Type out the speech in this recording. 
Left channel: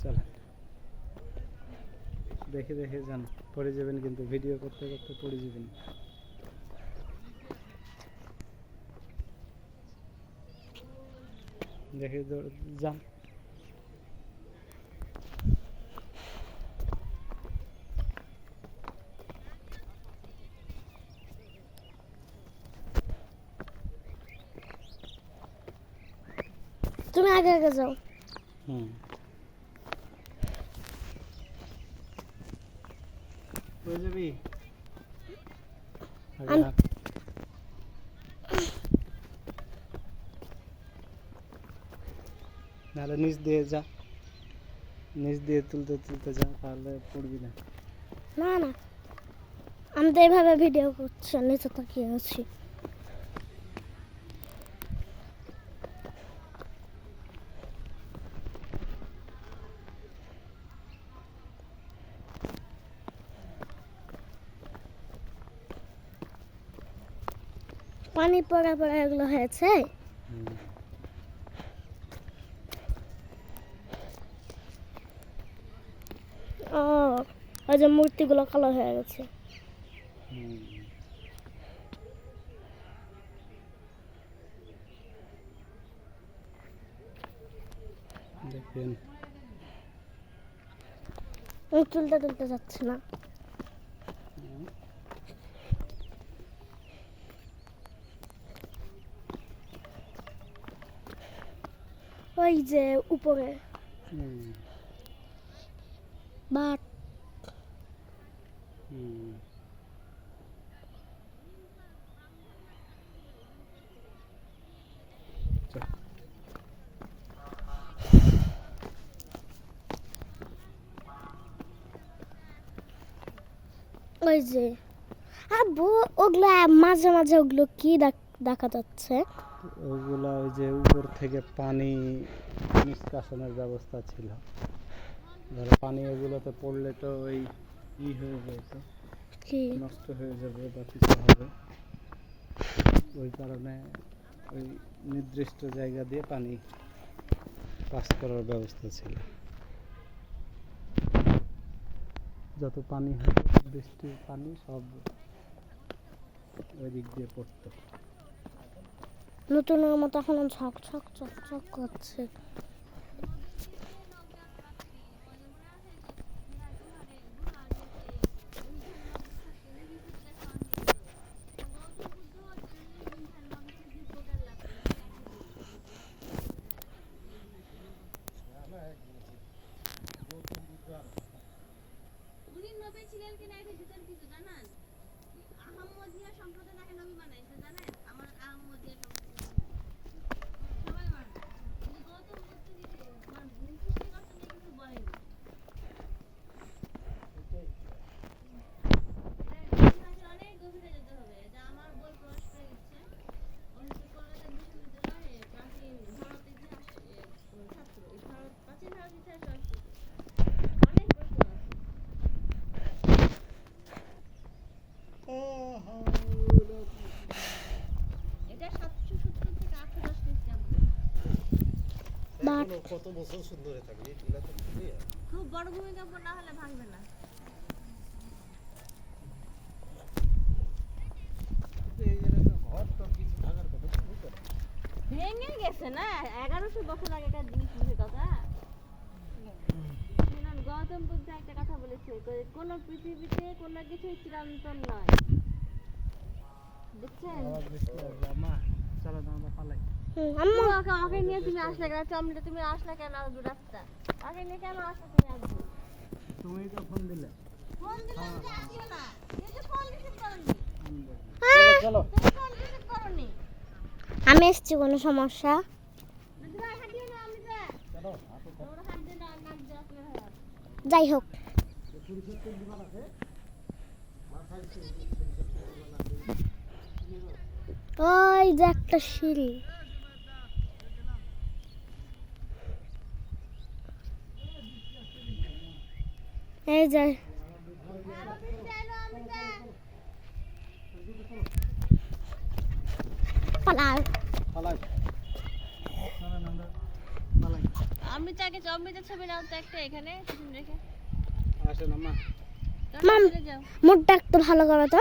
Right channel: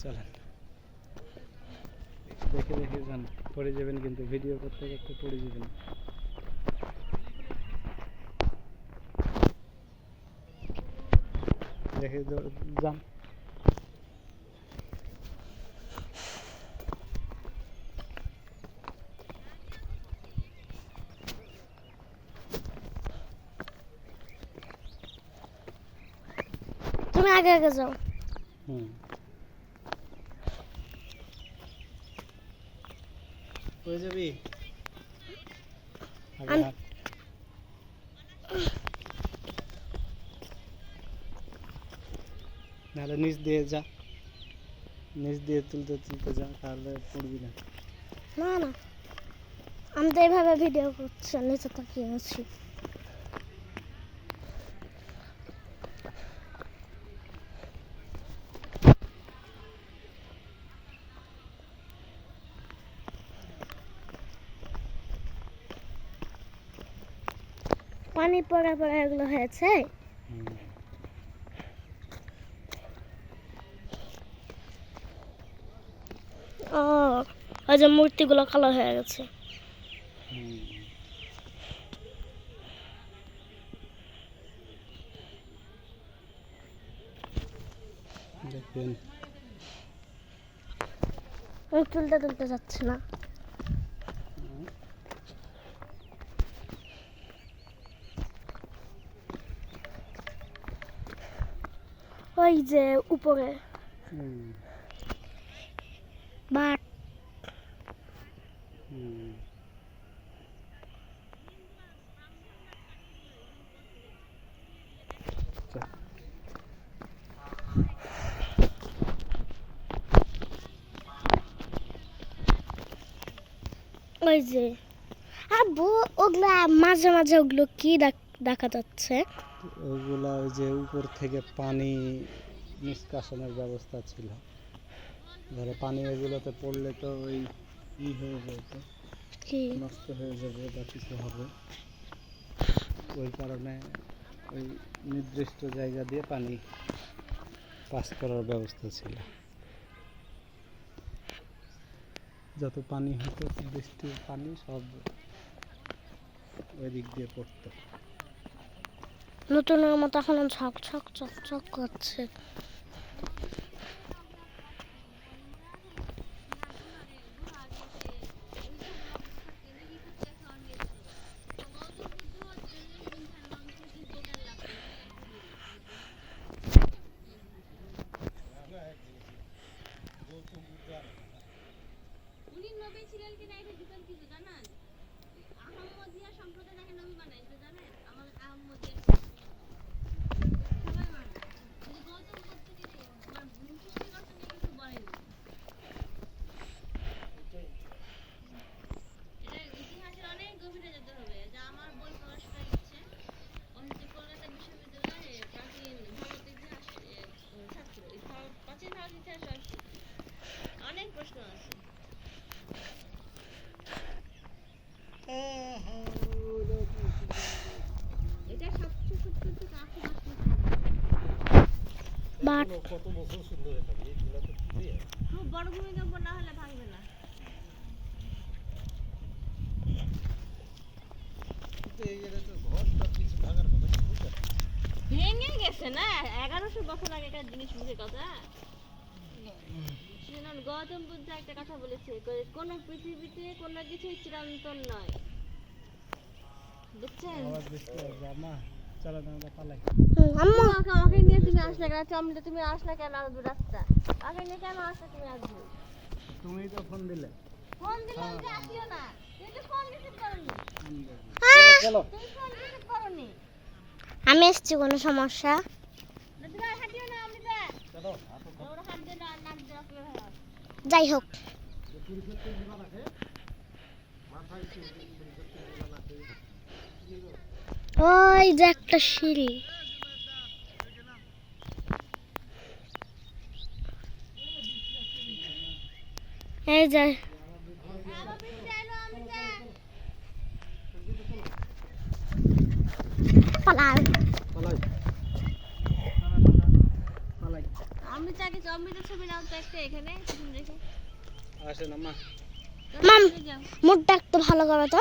চলেন দেখে দেখে যান, পড়ে যাবেন কিন্তু, ভিডিও করতে করতে পড়ে যাবেন। দেখে যান। তুমি আগে আগে যাও। হয়ে যাবি নাহলে নিচ দিয়ে যা, নিচ দিয়ে তুলতে তুলতে যা, তাহলে পড়বি না। না না, আমি তো এইভাবে ভিডিও করছি, নিচে তাকিয়ে আছি। পানি পড়া পড়া এগুলো হয়েছে। ও, ওই যে মূর্তিগুলো কালো হয়ে গেছে। দেখবেন তুলতে তুলতে যাচ্ছে না। ওই যে উপরে বাট। ওই যে আব্বু, ওগুলা মাঝে মাঝে ওগুলো কি দেখা যাচ্ছে? ওইগুলা ওই যে উপর থেকে পানি নিষ্কাশনের ব্যবস্থা ছিল, ধরো পানি এগুলোতে পড়লে তো ওই হয়ে যেত, নষ্ট হয়ে যাবে বা কিছু হবে, ওই কারণে ওই নির্দিষ্ট জায়গা দিয়ে পানি পাস করার ব্যবস্থা ছিল। যত পানি হতো, বৃষ্টির পানি সব ওই দিক দিয়ে পড়তো। নতুনের মতো এখন ছক ছক ছক ছক করছে। কত বছর সুন্দর হয়ে থাকে, এগুলা তো খুব বড় ভূমিকম্প না হলে ভাঙবে না। ঘরটা কিছু ভাঙার কথা ভেঙে গেছে না, 1100 বছর আগেকার জিনিস বুঝে কথা। শুনুন, গৌতম বুদ্ধ একটা কথা বলেছে, কোন পৃথিবীতে কোনো কিছু চিরন্তন নয়, বুঝছেন? চলো আমরা পালাই। আম্মু, আমাকে নিয়ে তুমি আসলে কেন? তুমি আসলে কেন? আমি রাস্তা আমাকে নিয়ে কেন আসলে? তুমি আসবে, তুমি তো ফোন দিলে। ফোন দিলাম যে আসিও না, কিন্তু ফোন রিসিভ করনি। চলো তুমি ফোন রিসিভ করনি। আমি এসেছি, কোনো সমস্যা? যাই হোক, ওই যে একটা সিঁড়ি, এই যে পালাও। অমৃতাকে অমৃতার ছবি নাও তো একটা এখানে টিফিন রেখে আসে না মা মাম যাও মুখটা একটু ভালো করো তো